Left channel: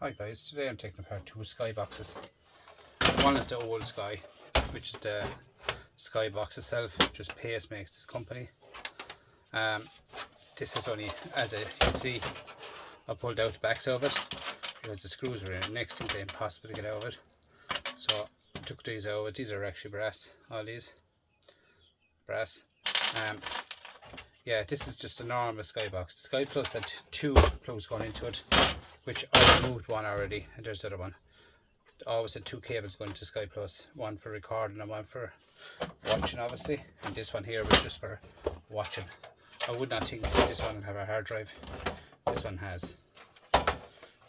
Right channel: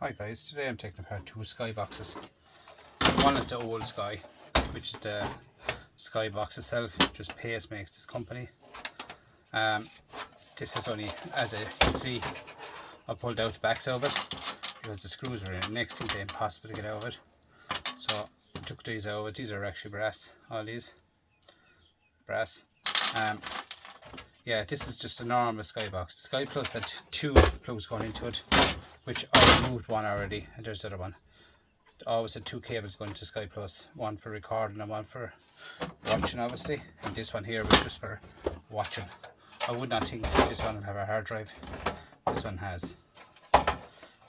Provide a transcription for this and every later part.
Hi guys, today I'm taking apart two sky boxes. One is the old Sky, which is the Sky box itself, just Pace makes this company. This is only, as you can see, I pulled out the backs of it because the screws are in it. Next thing, impossible to get out of it. So I took these out of it. These are actually brass, all these brass. Yeah, this is just a normal Sky box. The Sky Plus had two plugs going into it, which I removed one already, and there's the other one. I always had two cables going to Sky Plus, one for recording and one for watching, obviously, and this one here was just for watching. I would not think this one would have a hard drive. This one has.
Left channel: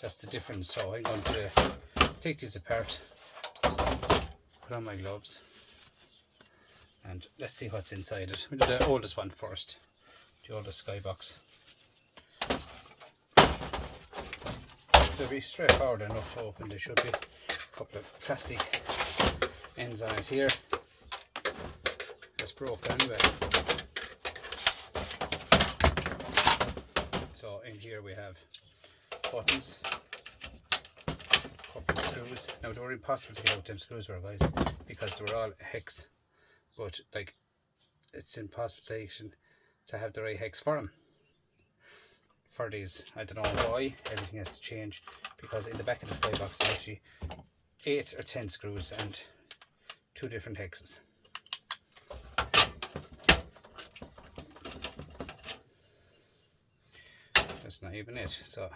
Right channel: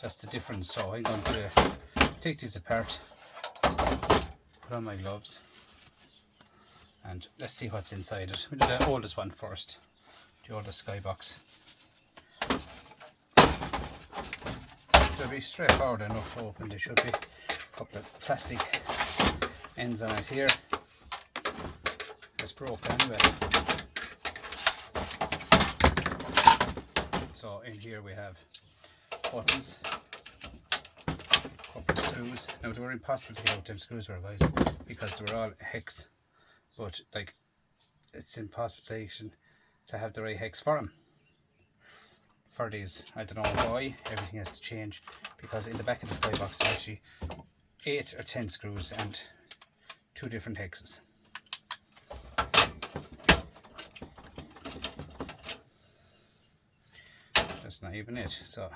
That's the difference. So I'm going to take these apart, put on my gloves, and let's see what's inside it. We'll do the oldest one first, the oldest Sky box. They'll be straightforward enough to open. They should be. A couple of plastic ends on it here. It's broken anyway. So in here we have buttons, couple of screws. Now they were impossible to get out them screws were, guys, because they were all hex. But like, it's impossible to have the right hex for them. For these, I don't know why everything has to change, because in the back of the Sky box there's actually 8 or 10 screws and 2 different hexes. That's not even it, so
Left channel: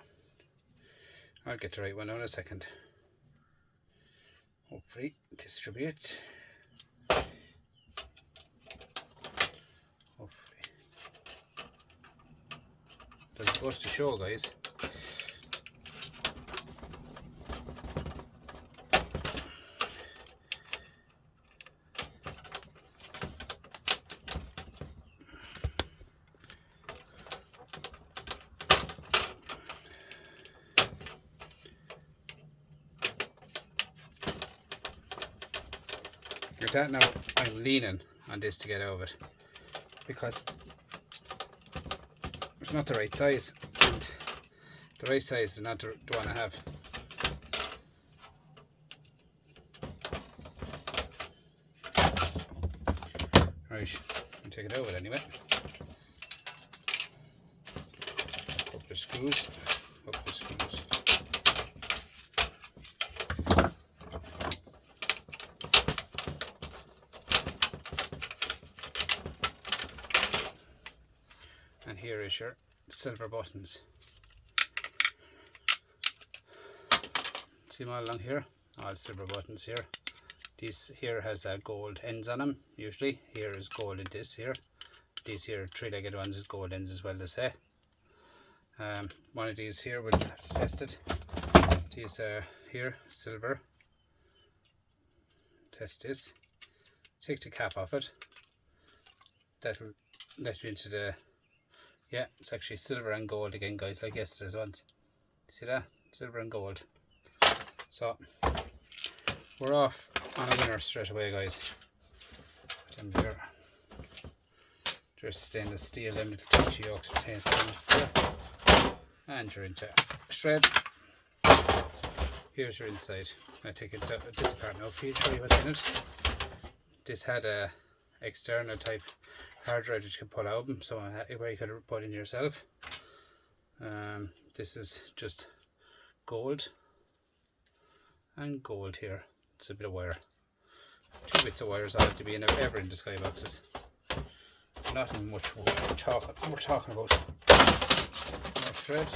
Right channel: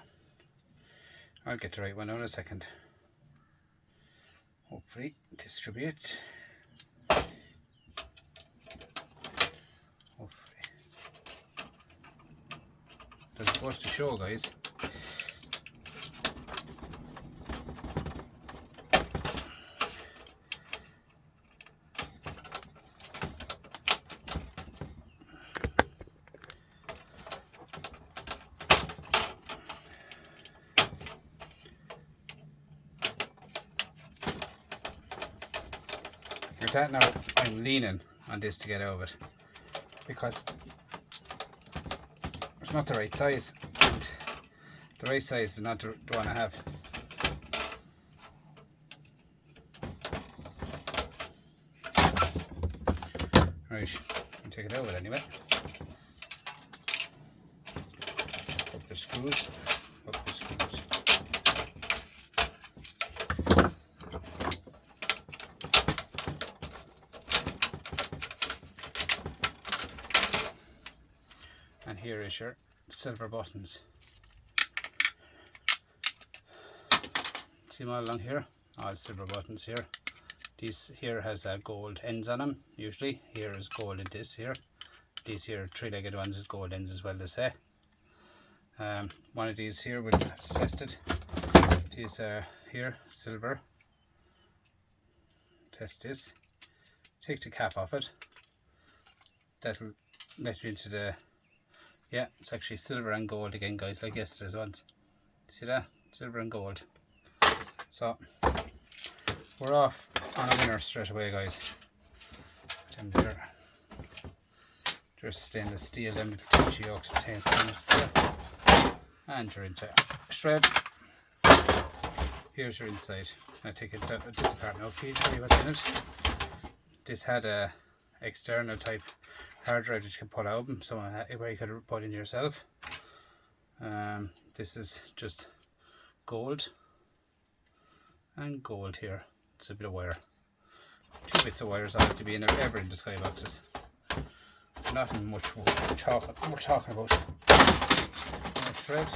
I'll get the right one in a second. Hopefully this should be it. Hopefully. That's supposed to show, guys. Like that. Now I'm leaning on this to get out of it because it's not the right size, and the right size is not the one I have. Right, I'll take it out of it anyway. Couple of screws, couple of screws. And here is your silver buttons. See them all along here? All silver buttons here. This here has gold ends on them, usually. Here is gold in this here. These here three-legged ones is gold ends as well, they say. One of these here we'll have to test it. These here, silver. Test this. Take the cap off it. That'll let you into the... Yeah, it's actually silver and gold again, guys, like yesterday's ones. See that? Silver and gold. So, we're off on a winner straight away, guys. Put them there. Just stainless steel, them little touchy yokes retain stainless steel. And you're into shred. Here's your inside. I'll take it this apart now for you, show you what's in it. This had a external type hard drive that you can pull out, so where you could put in yourself. This is just gold and gold here. It's a bit of wire. 2 bits of wires ought to be in ever in the Sky boxes. Nothing much we're talking about. More thread.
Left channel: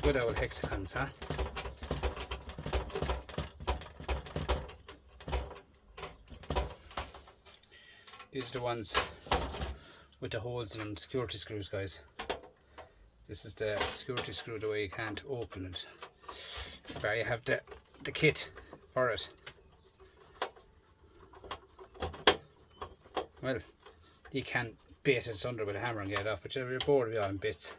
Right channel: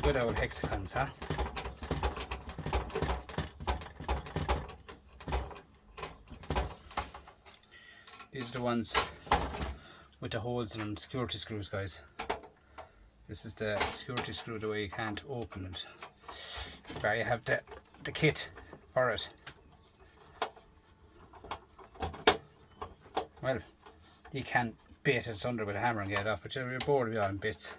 Good old hexagons, huh? These are the ones with the holes in them, security screws, guys. This is the security screw, the way you can't open it. There you have the kit for it. Well, you can bait it under with a hammer and get it up, but you're bored of it all in bits.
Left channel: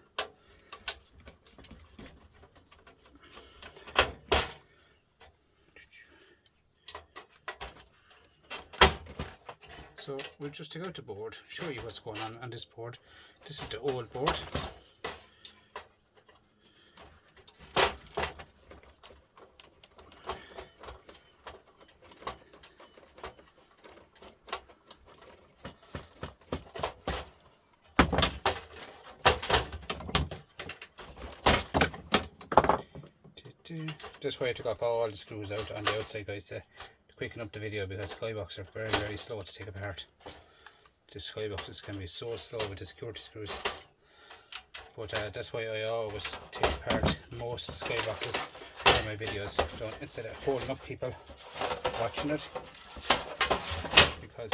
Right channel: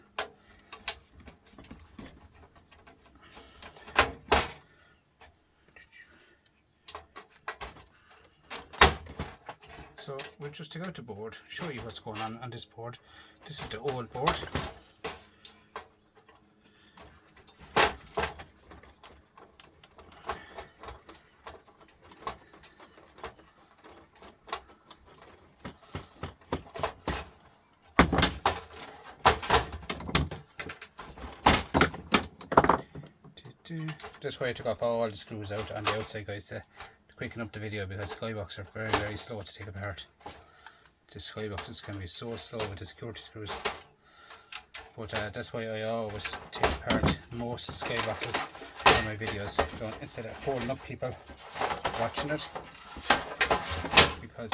So we'll just take out the board, show you what's going on this board. This is the old board. That's why I took off all the screws out on the outside, guys, to quicken up the video, because skyboxes are very, very slow to take apart. The skyboxes can be so slow with the security screws. But that's why I always take apart most skyboxes in my videos, instead of holding up people watching it, because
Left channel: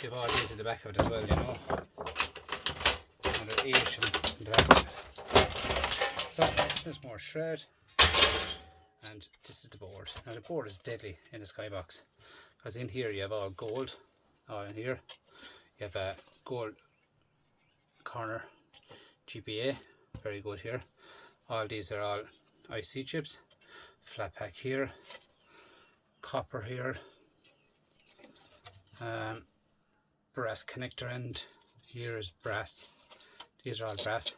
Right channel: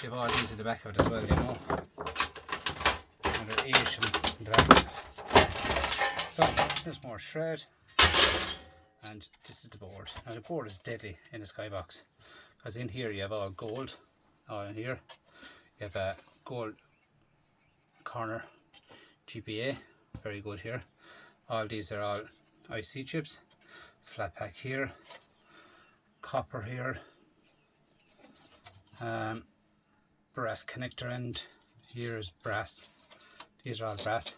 they've all these at the back of it as well, you know, and they're Asian in the back. So there's more shred, and this is the board. Now the board is deadly in the skybox, because in here you have all gold. All in here you have a gold corner GPA, very good here. All these are all IC chips, flat pack here, copper here, brass connector end. Here is brass. These are all brass.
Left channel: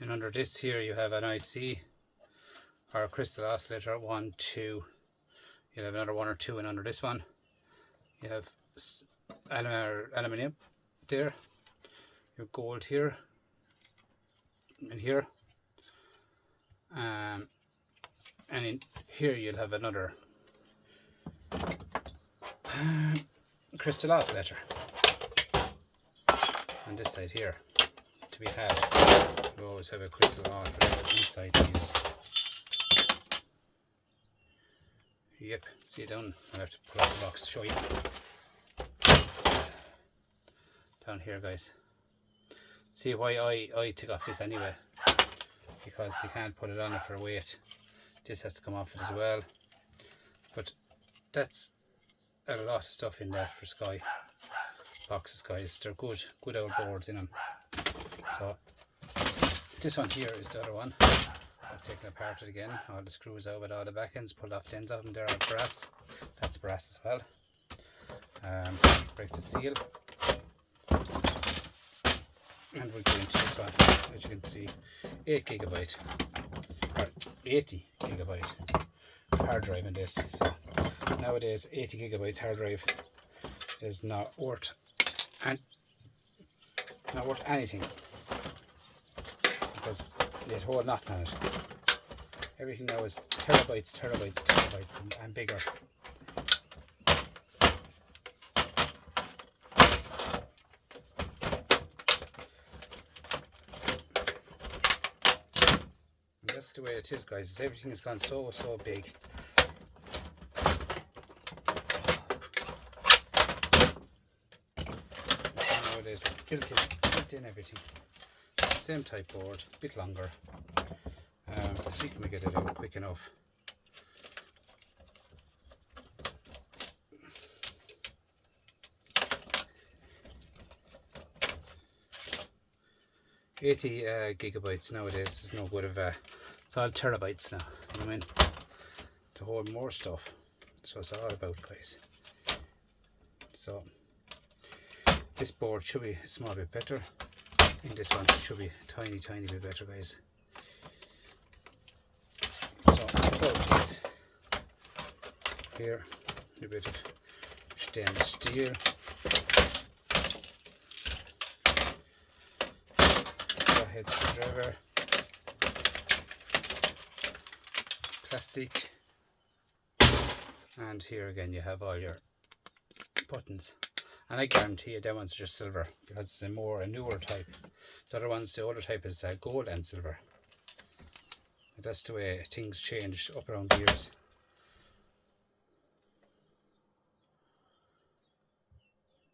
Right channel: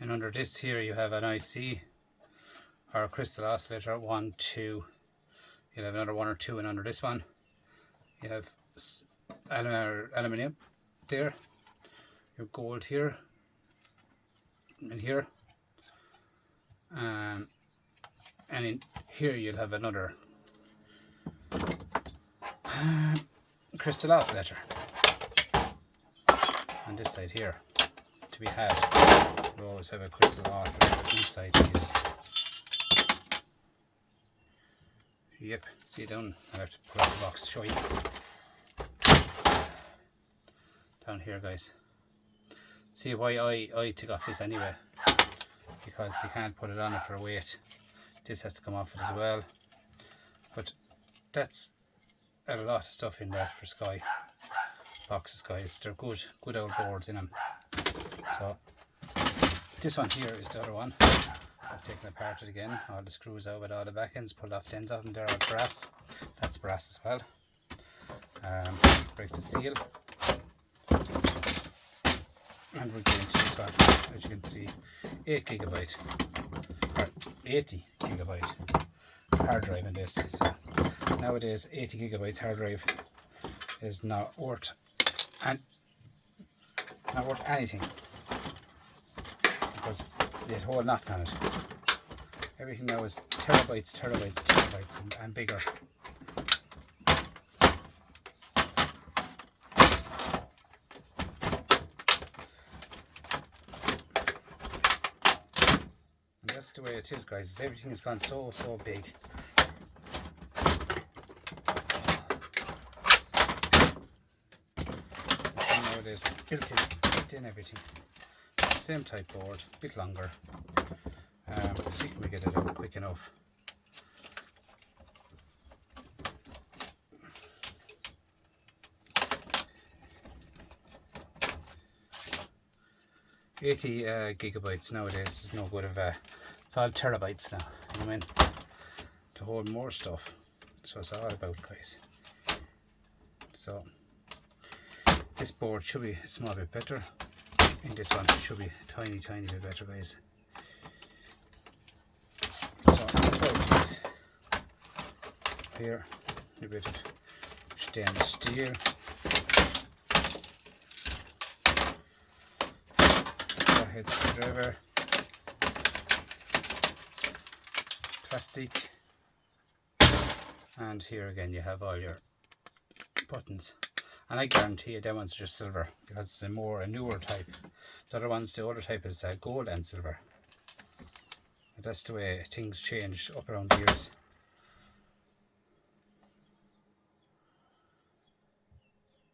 And under this here you have an IC or a crystal oscillator, 1, 2. You'll have another 1 or 2, and under this one you have aluminium there, your gold here and here, and in here you'll have another crystal oscillator. On this side here, to be had, you always have a crystal oscillator inside these. Yep, see it down. I'll have to pull out the box to show you. Down here, guys. See why I took off this anyway, because you can't put it on it for weight. This has to come off it as well. But that's a lot of stuff in there for Sky boxes, guys. They're good old boards in them. So this one here is the other one. I've taken apart it again, all the screws out with all the back ends, pulled off the ends of them. They're all brass. That's brass as well. Break the seal, and we'll go into this one. As you can see, 8 gigabyte or 80 gigabyte hard drive in this. So nowadays 80 gigabytes hard drive is not worth anything, because there's a whole knock on it. Everything now is terabytes and bigger. And that's the way it is, guys. Everything has gone so big. Nowadays built in everything. Same type board, a bit longer. See can we get it out quick enough. Gigabytes nowadays is no good of it's all terabytes now, you know what I mean, to hold more stuff. So it's all about, guys. So this board should be a small bit better. In this one it should be a tiny bit better, guys. So about this here, a bit of stainless steel, head screwdriver, plastic, and here again you have all your buttons. And I guarantee you that one's just silver, because it's a newer type. The older type is gold and silver. But that's the way things change up around the years.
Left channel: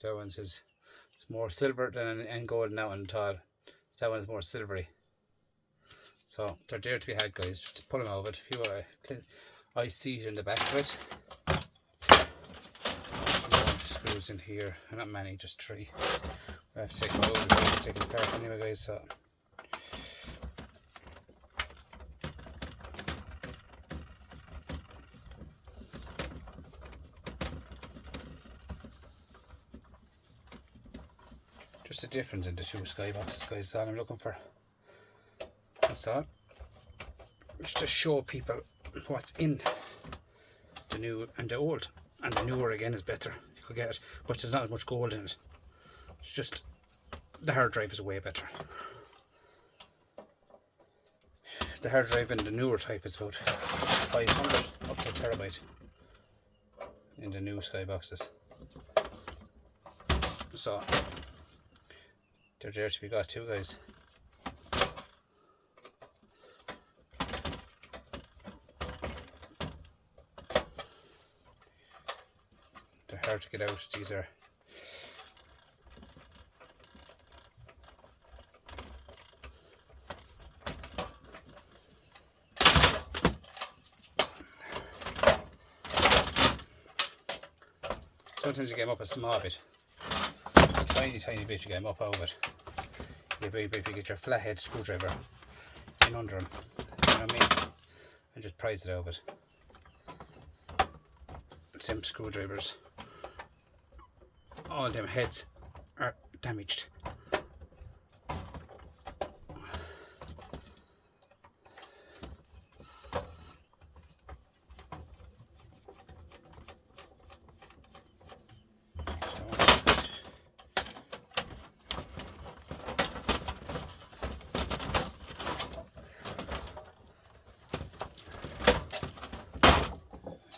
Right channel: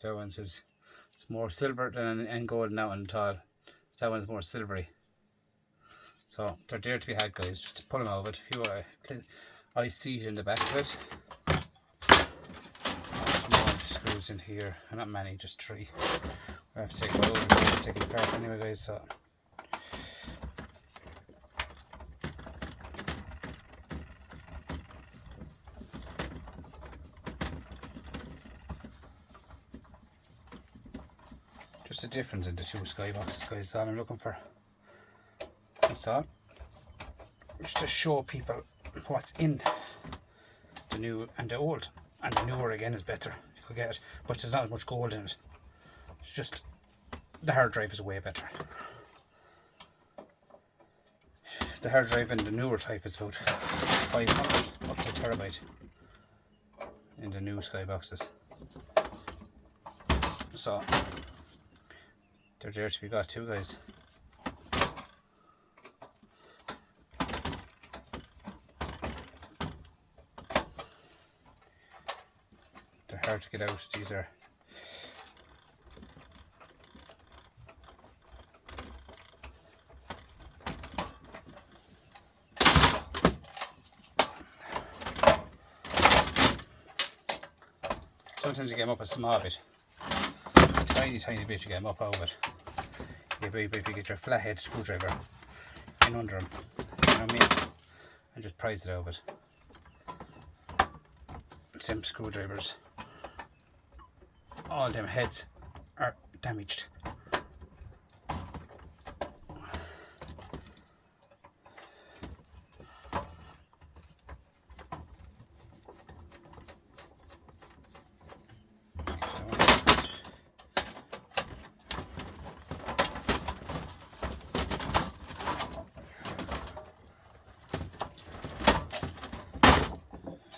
That one says it's more silver than and gold now and all. That one's more silvery. So they're there to be had, guys. Just to pull them out of it. A few ICs in the back of it. Screws in here, not many, just 3. I have to take it over, take it apart anyway, guys. So Just a difference in the two skyboxes, guys, is all I'm looking for. That's all. Just to show people what's in the new and the old. And the newer again is better. You could get it, but there's not as much gold in it. It's just the hard drive is way better. The hard drive in the newer type is about 500 up to a terabyte in the new skyboxes. So they're there to be got too, guys. They're hard to get out. These are sometimes you get them up a small bit, tiny bit, you get them up out of it. You get your flathead screwdriver in under them, you know what I mean, and just prise it out of it. Some screwdrivers, all them heads are damaged.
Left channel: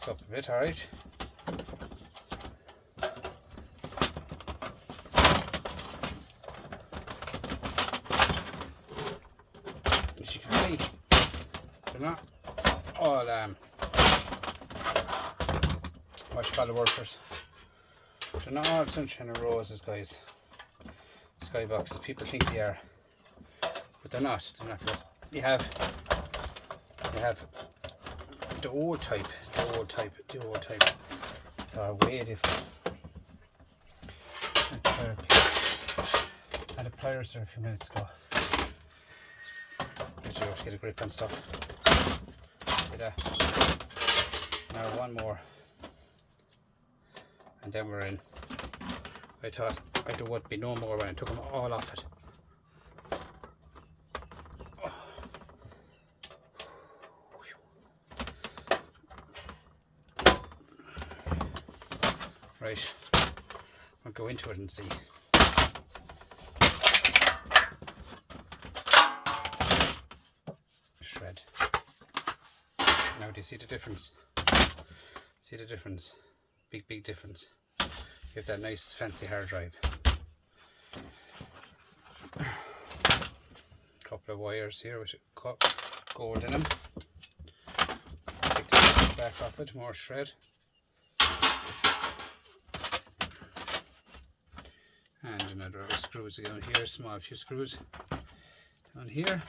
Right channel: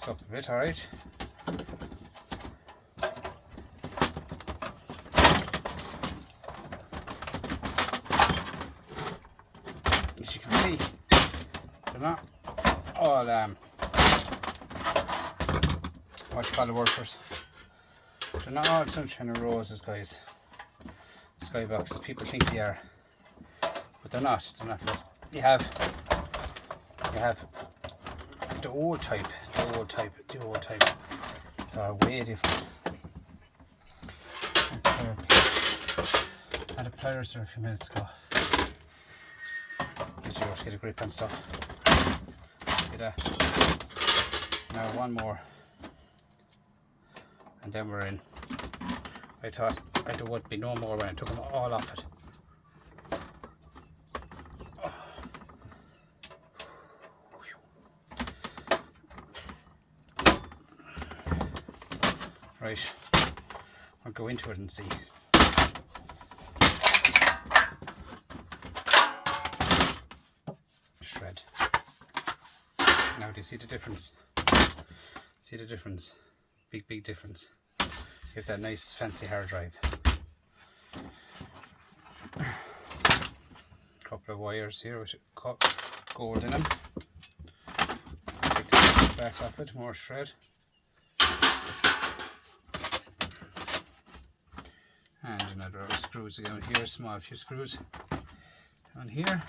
Up a bit, alright. As you can see, they're not all what you call the workers. They're not all sunshine and roses, guys. Skyboxes, people think they are, but they're not. They're not. You have the old type. So way different. And the pliers there a few minutes ago. Just get a grip and stuff. See that? Now one more, and then we're in. I thought there would be no more when I took them all off it. Right, I'll go into it and see. Shred. Now do you see the difference? See the difference? Big difference. You have that nice fancy hard drive. Couple of wires here with gold in them. Take the back off it, more shred. And another screws again here, small few screws down here.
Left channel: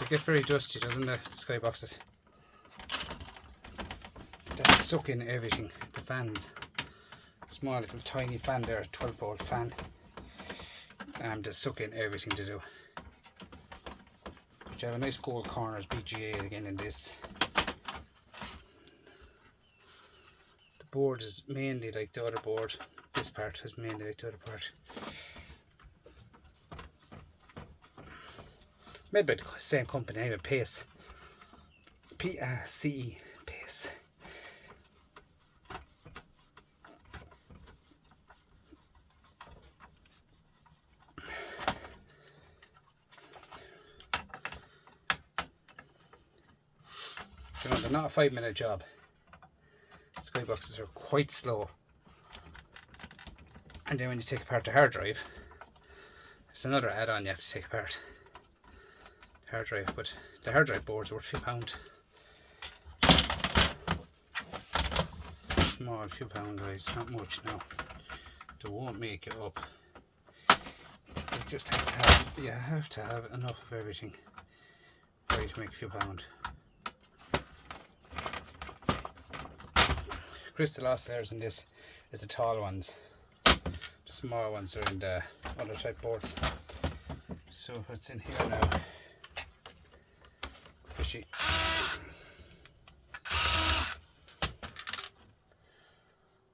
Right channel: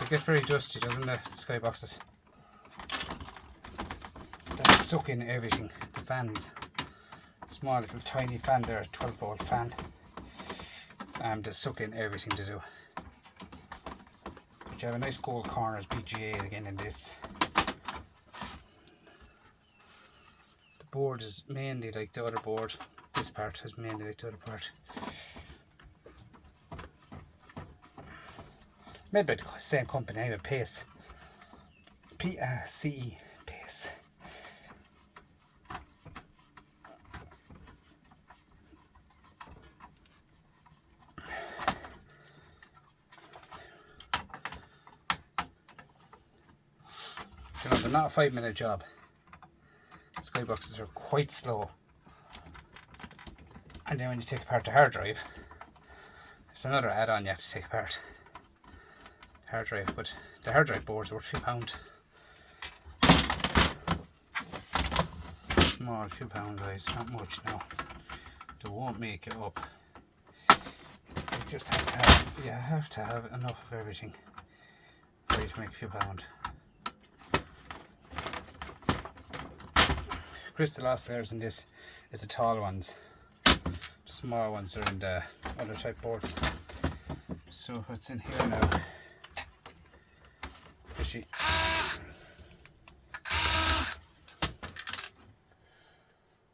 They get very dusty, doesn't it, the skyboxes? They suck in everything, the fans. Small little tiny fan there, 12-volt fan. They suck in everything to do. But you have a nice gold corners BGA again in this. The board is mainly like the other board. This part is mainly like the other part. Made by the same company, anyway, Pace. P-A-C-E, Pace. You know, they're not a 5-minute job. Skyboxes are quite slow. And then when you take apart the hard drive, it's another add-on you have to take apart. Hard drive, but the hard drive boards were £2. Small £2, guys, not much now. They won't make it up. You just have to have enough of everything for you to make £2. Crystal oscillators in this is the tall ones. The small ones are in the other type boards. So what's in here now? Fishy.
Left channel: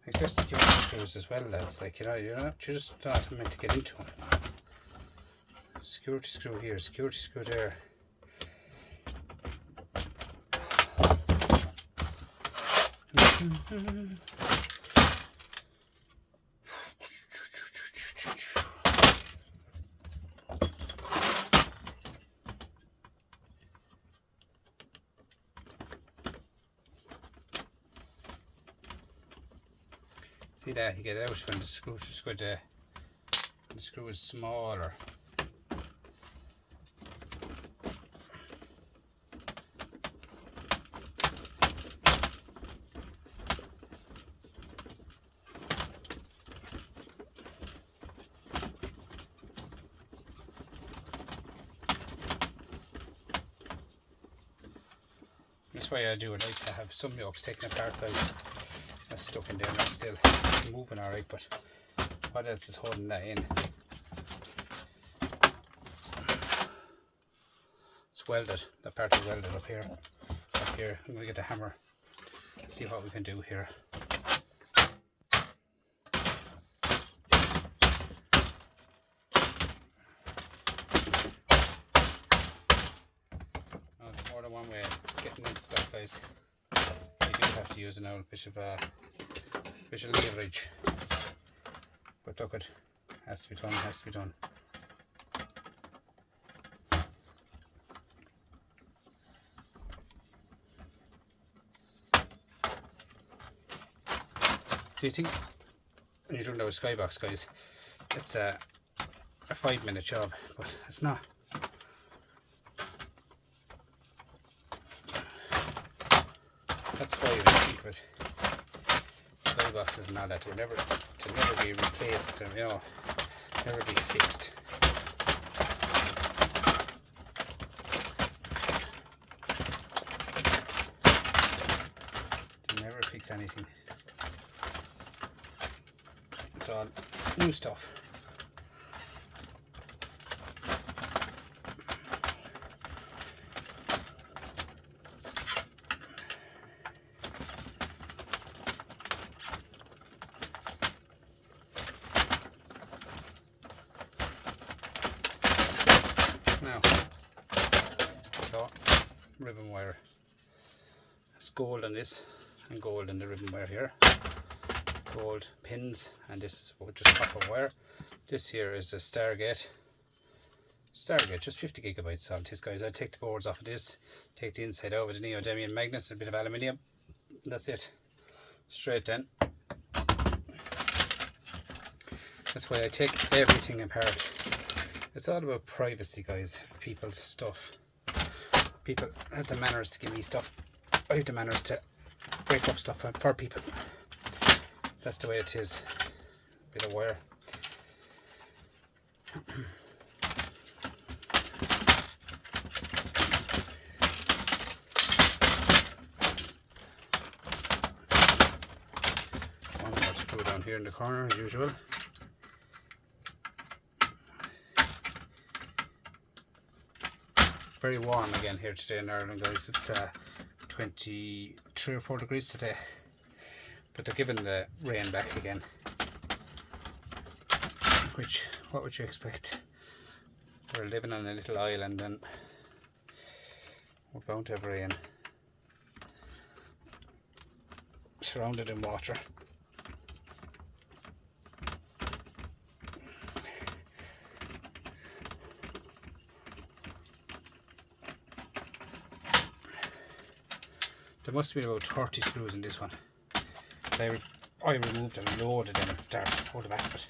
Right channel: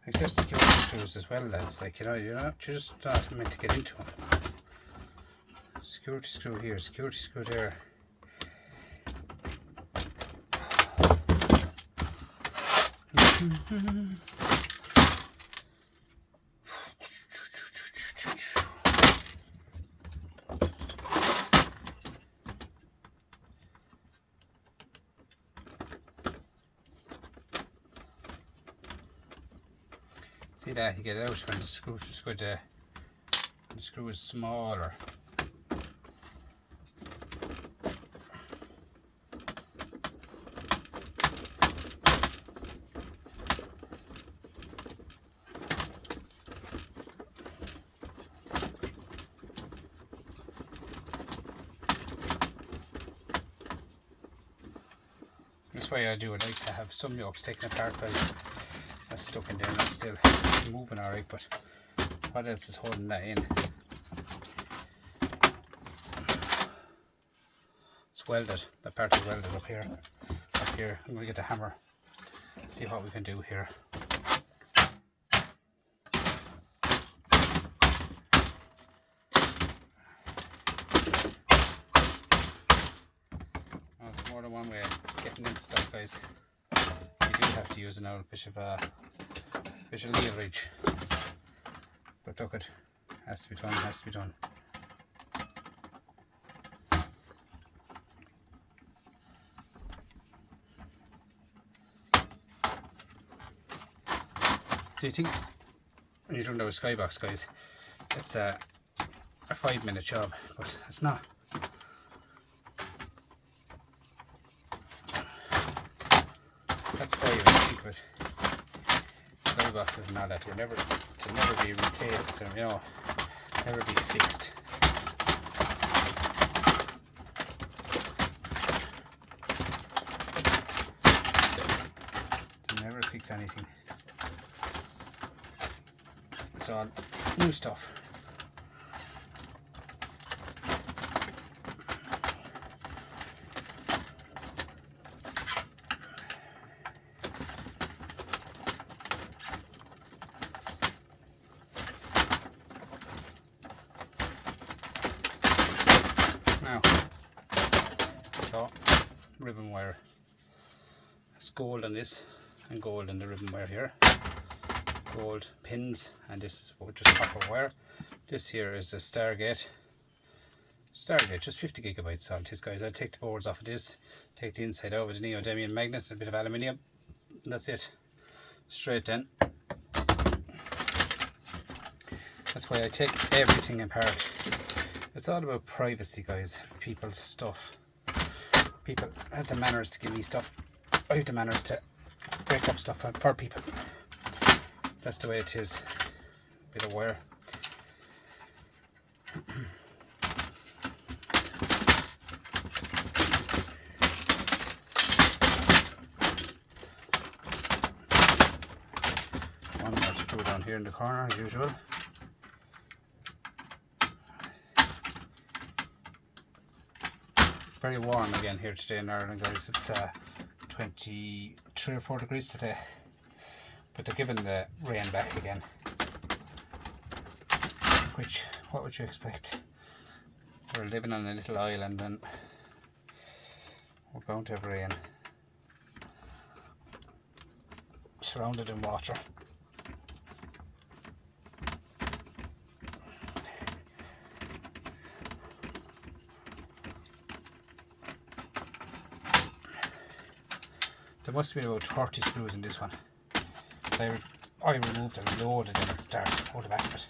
Like there's security screws as well, lads. Like, you know, you're just not meant to get into them. Security screw here, security screw there. See that, you get out when the screw just good. The screw is smaller. That's why I do it. I like to have some yokes taken apart because that's stuck in there and that's still moving alright, but what else is holding that in? It's welded, that part is welded up here. Up here, I'm going to get the hammer, see what we can do here. Oh, there's more than one way of getting into stuff, guys. You do have to use an old bit of leverage, but look, it has to be done, has to be done. So you think when you're doing those skybox, guys, it's a 5-minute job, but it's not. That's why you think of it. Skyboxes and all that to never be replaced, you know, never be fixed. You never fix anything. It's all new stuff. Now, so ribbon wire. There's gold on this and gold in the ribbon wire here. Gold pins, and this is just copper wire. This here is a Stargate, just 50 gigabytes on this, guys. I'd take the boards off of this, take the inside out with a neodymium magnet and a bit of aluminium. That's it, straight then. That's why I take everything apart. It's all about privacy, guys. People's stuff. People has the manners to give me stuff. I have the manners to break up stuff for people. That's the way it is. Bit of wire. One more screw down here in the corner as usual. Very warm again here today in Ireland, guys. It's 23 or 4 degrees today. But they're giving the rain back again, which, what would you expect? We're living on a little island and we're bound to have rain. Surrounded in water. There must be about 30 screws in this one. I removed and loaded them at the start, hold the back of it.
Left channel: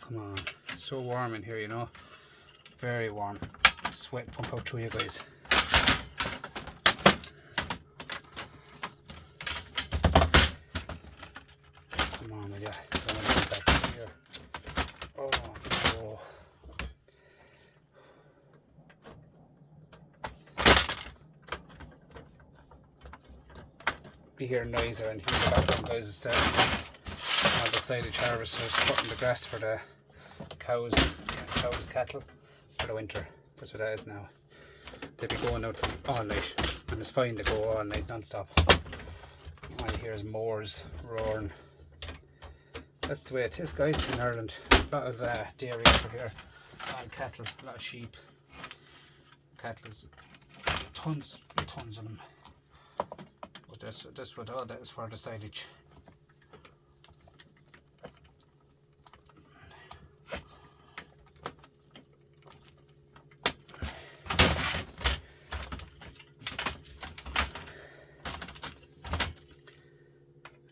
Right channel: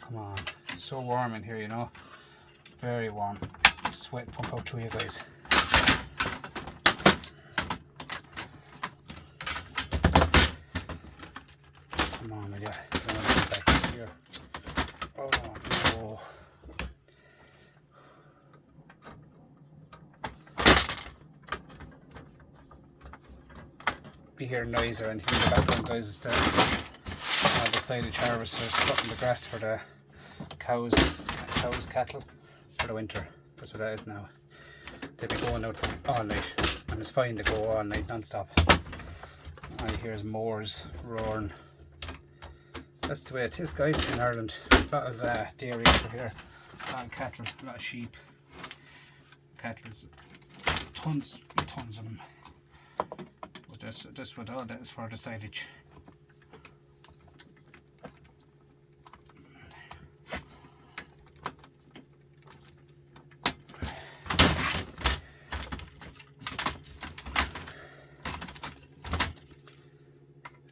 Come on, so warm in here, you know, very warm. Sweat pump out through you guys. Come on, will ya? Don't want to get back here. Oh no. Be hearing noise or anything in the background, guys. It's the silage harvesters cutting the grass for the cows, cattle for the winter. That's what that is now. They'll be going out all night, and it's fine to go all night non-stop. And here's moors roaring. That's the way it is, guys, in Ireland. A lot of dairy over here, a lot of cattle, a lot of sheep. Cattle's tons and tons of them. But that's what all that is for, the silage.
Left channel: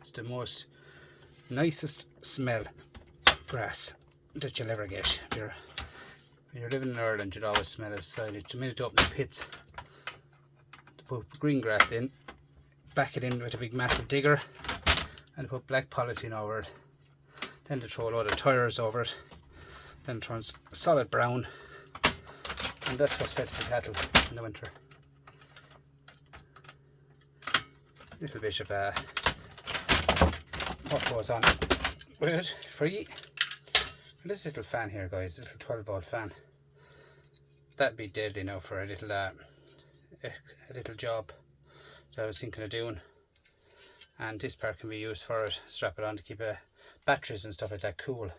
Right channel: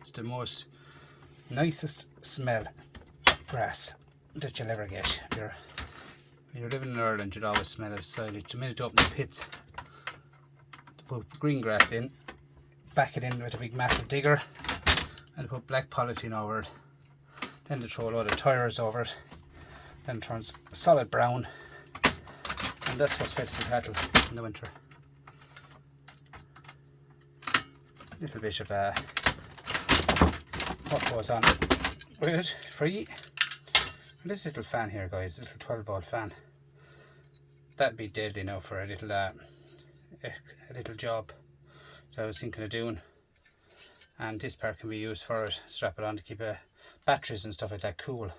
It's the most nicest smell grass that you'll ever get. When you're living in Ireland, you'd always smell of silage. The minute you open the pits, to put green grass in, back it in with a big massive digger, and put black polythene over it. Then they throw a load of tires over it. Then it turns solid brown, and that's what's fed to the cattle in the winter. Little bit of what goes on with it, free. This little fan here, guys, this little 12-volt fan, that'd be deadly now for a little job that I was thinking of doing. And this part can be used for it, strap it on to keep batteries and stuff like that cool.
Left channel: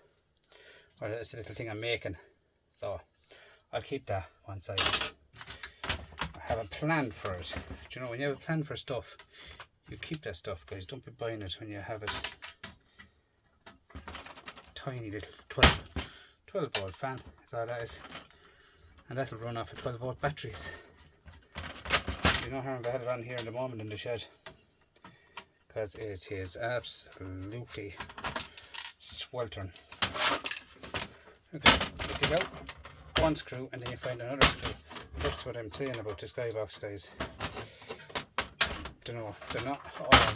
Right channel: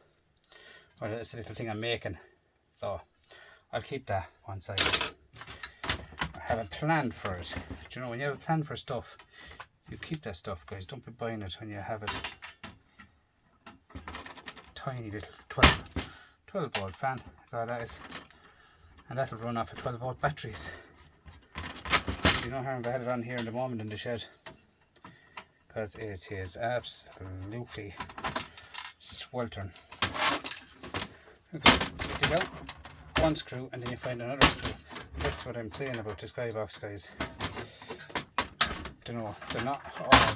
Or it's a little thing I'm making, so I'll keep that one side. I have a plan for it. Do you know, when you have a plan for stuff, you keep that stuff, guys. Don't be buying it when you have it. Tiny little 12-volt fan is all that is, and that'll run off of 12-volt batteries. You know how I've had it on here in the moment in the shed, because it is absolutely sweltering. Okay, you dig out one screw and then you find another screw. That's what I'm saying about the skybox, guys. Don't know, they're not all.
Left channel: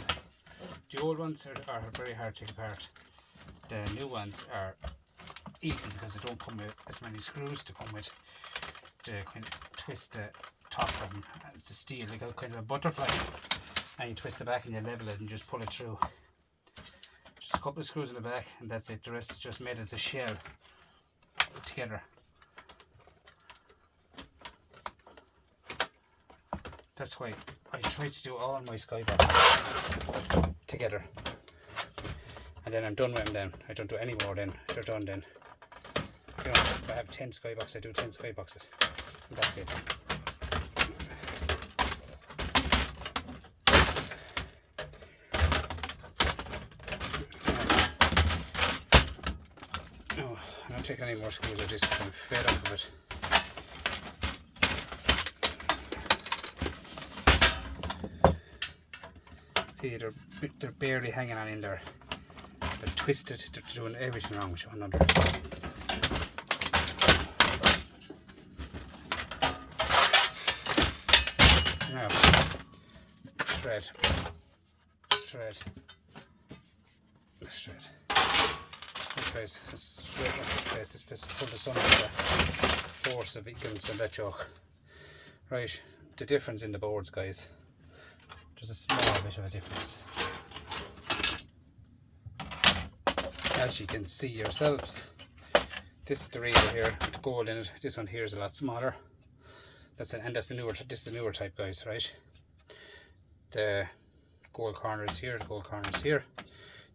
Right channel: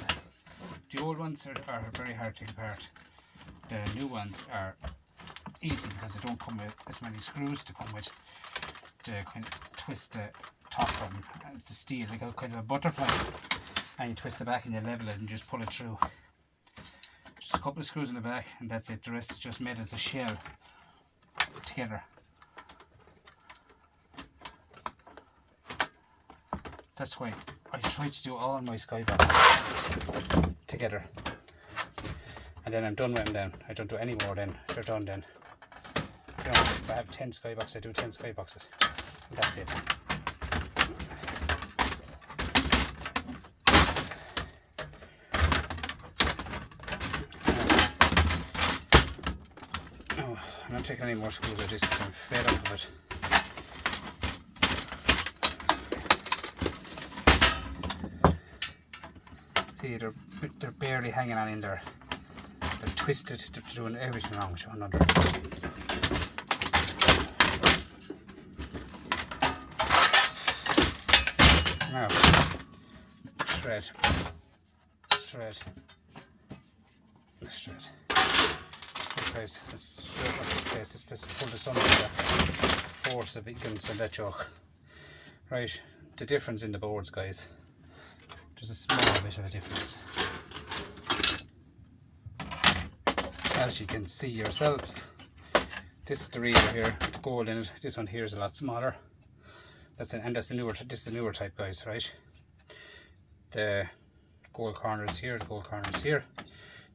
The old ones are very hard to take apart. The new ones are easy because they don't come with as many screws to come with to kind of twist the top of them. It's the steel, they got kind of a butterfly, and you twist the back and you level it and just pull it through. Just a couple of screws in the back and that's it. The rest is just made as a shell together. That's why I try to do all my skyboxes together. And then I'm done with them then. I don't do any more then. They're done then. So if I have 10 skyboxes, I do 10 skyboxes. And that's it. Oh, I'm not taking any more screws of this because I'm fed up of it. See, they're barely hanging on in there. They're twisted, they're doing everything wrong with one another. Now, shred. This place, let's shred up this place. This place is pulled us under the force of ignorance and that joke. Right, the difference in the boards, guys. There's a small bit of a difference. As you can see yourselves, this is the reader here, the gold in it. This one here is a lot smaller. This is the newer type, guys, right? The gold corners here, the gold corners here.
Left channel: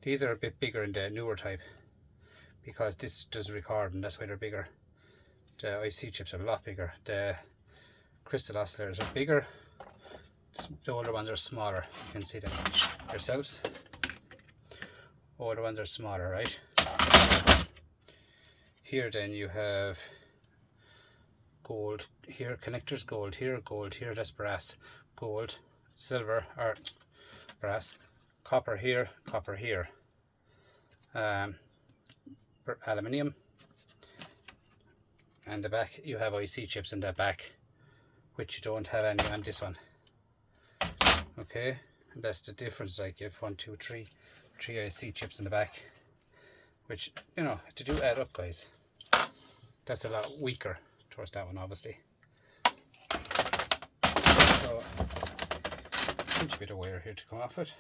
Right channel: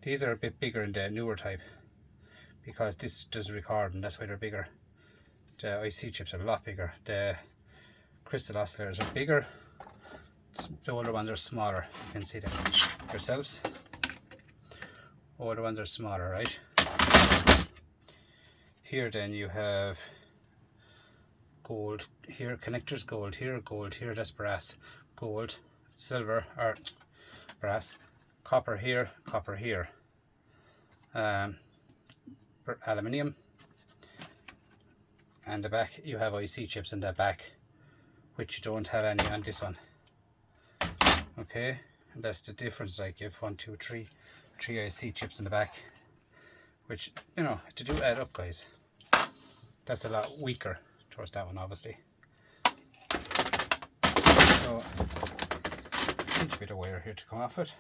These are a bit bigger in the newer type because this does record, and that's why they're bigger. The IC chips are a lot bigger. The crystal oscillators are bigger. The older ones are smaller. You can see them yourselves. Older ones are smaller, right? Here then you have gold here, connectors, gold here, that's brass, gold, silver, or brass, copper here, aluminium, and the back you have IC chips in the back, which you don't have any on this one. Okay, and that's the difference. Like you have 1, 2, 3 3 IC chips in the back, which, you know, to do add up, guys. That's a lot weaker towards that one, obviously. So, pinch a bit of wire here to come off it.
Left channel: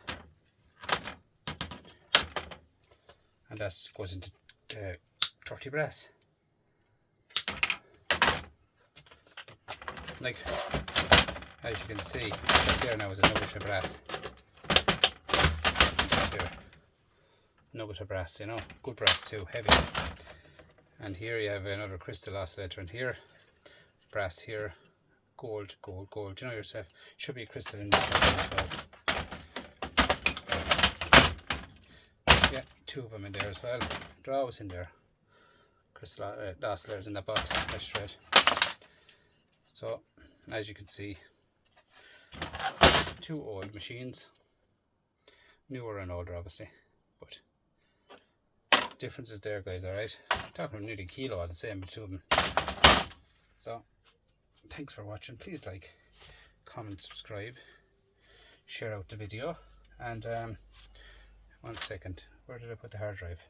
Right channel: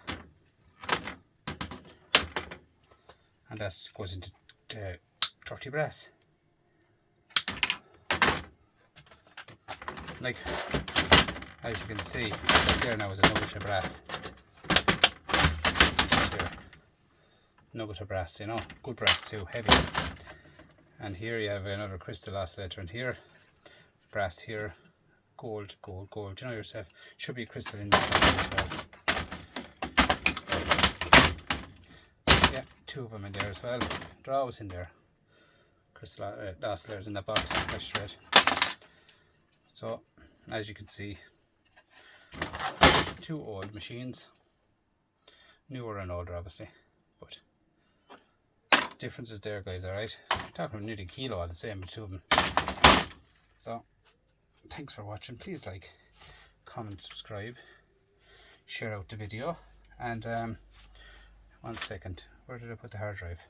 And that goes into the 30 brass. Like, as you can see, there now is a nugget of brass. There. Nugget of brass, you know, good brass too, heavy. And here you have another crystal oscillator in here, brass here, gold, gold, gold. You know yourself, should be crystal in this one as well. Yeah, 2 of them in there as well. They're always in there. Crystal oscillators in that box, that's straight. So, as you can see, 2 old machines, newer and older obviously, but difference is there, guys. Alright, talking nearly a kilo all the same, the 2 of them. So thanks for watching. Please like, comment, subscribe, share out the video, and 1 second, where did I put the hard drive?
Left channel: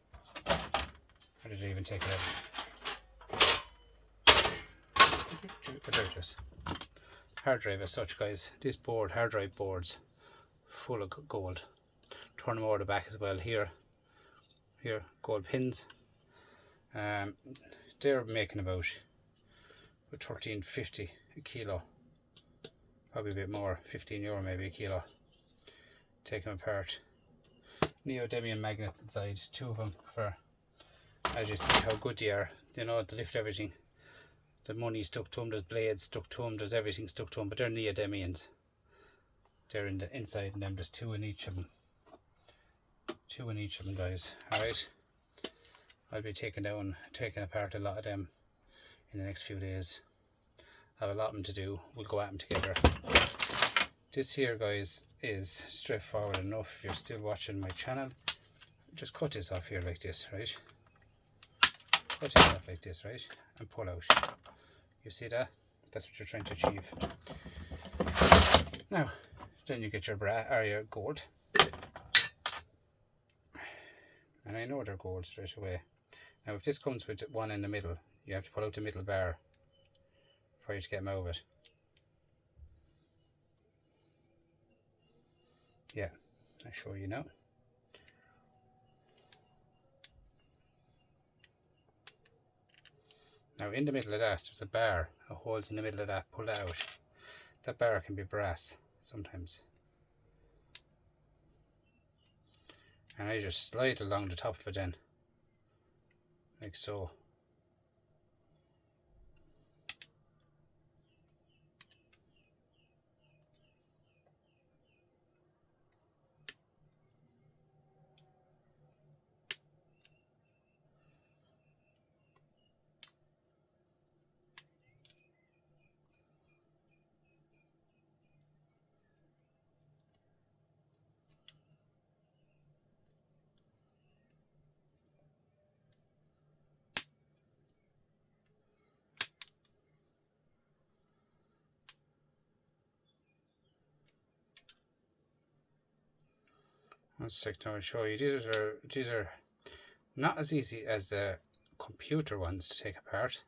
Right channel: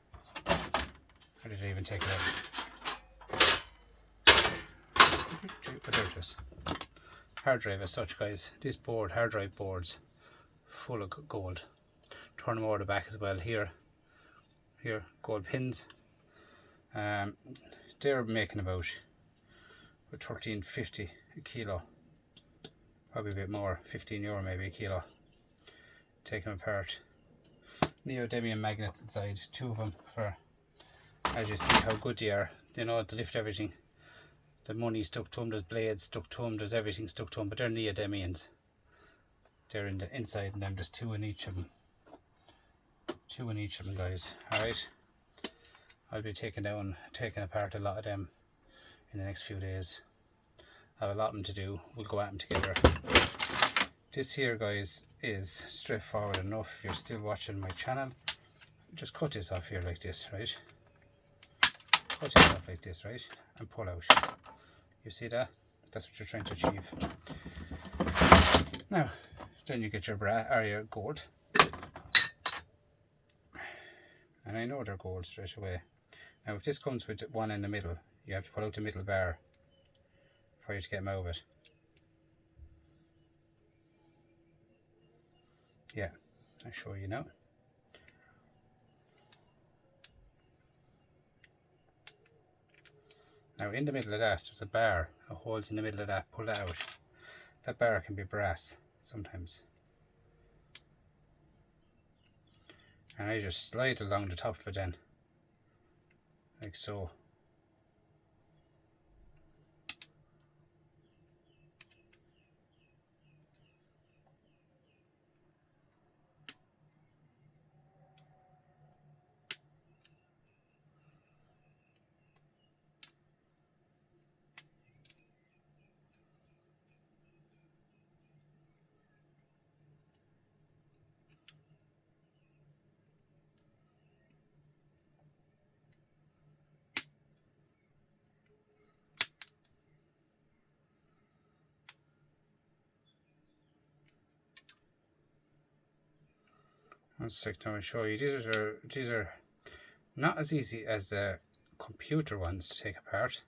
Or did I even take it out? Oh, there it is. Hard drive as such, guys. This board, hard drive boards, full of gold. Turn them over the back as well. Here, gold pins. They're making about $13.50 a kilo, probably a bit more, €15 maybe a kilo. Take them apart. Neodymium magnets inside, 2 of them, for, as you see how good they are. You know, to lift everything. The money stuck to them, there's blades stuck to them, there's everything stuck to them, but they're neodymiums. They're in the inside, and then there's 2 in each of them. 2 in each of them, guys. Alright, I'll be taking apart a lot of them in the next few days. I have a lot of them to do. We'll go at them together. This here, guys, is straightforward enough. If you're still watching my channel, just cut this off here like this, right? Cut it off like this, right? And pull out. You see that? That's what you're trying to achieve. Now, then you get your your gold. And I know they're gold straight away. Now, if this comes with 1 in the middle, you have to pull out the middle bar for you to get them out of it. Yeah, I'll show you now. Now, in the middle of that, there's a bar, a holes in the middle of that. Pull that out. That bar can be brass sometimes. And I just slide along the top of it then, like so. One sec, now I'll show you. These are not as easy as the computer ones to take apart,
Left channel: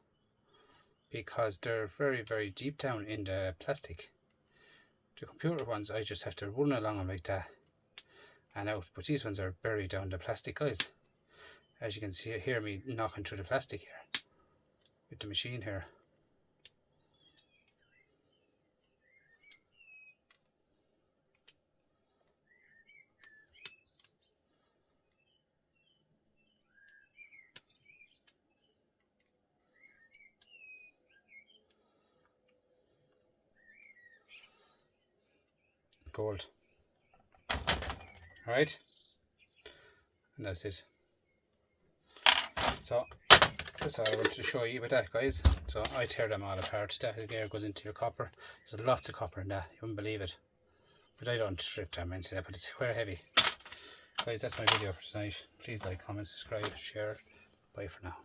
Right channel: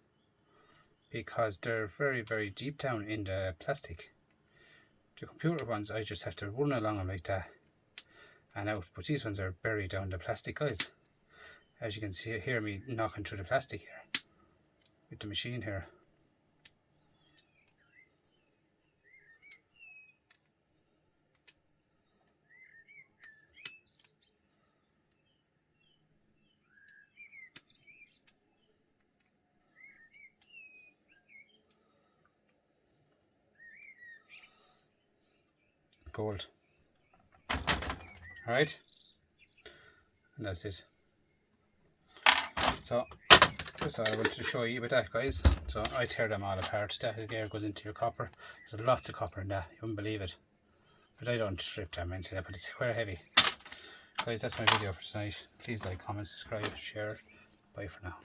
because they're very, very deep down in the plastic. The computer ones, I just have to run along them like that and out, but these ones are buried down the plastic, guys. As you can see, hear me knocking through the plastic here with the machine here. Gold. Alright, and that's it. So that's all I wanted to show you with that, guys. So I tear them all apart. That there goes into your copper. There's lots of copper in that, you wouldn't believe it. But I don't strip them into that, but it's quite heavy. Guys, that's my video for tonight. Please like, comment, subscribe, share. Bye for now.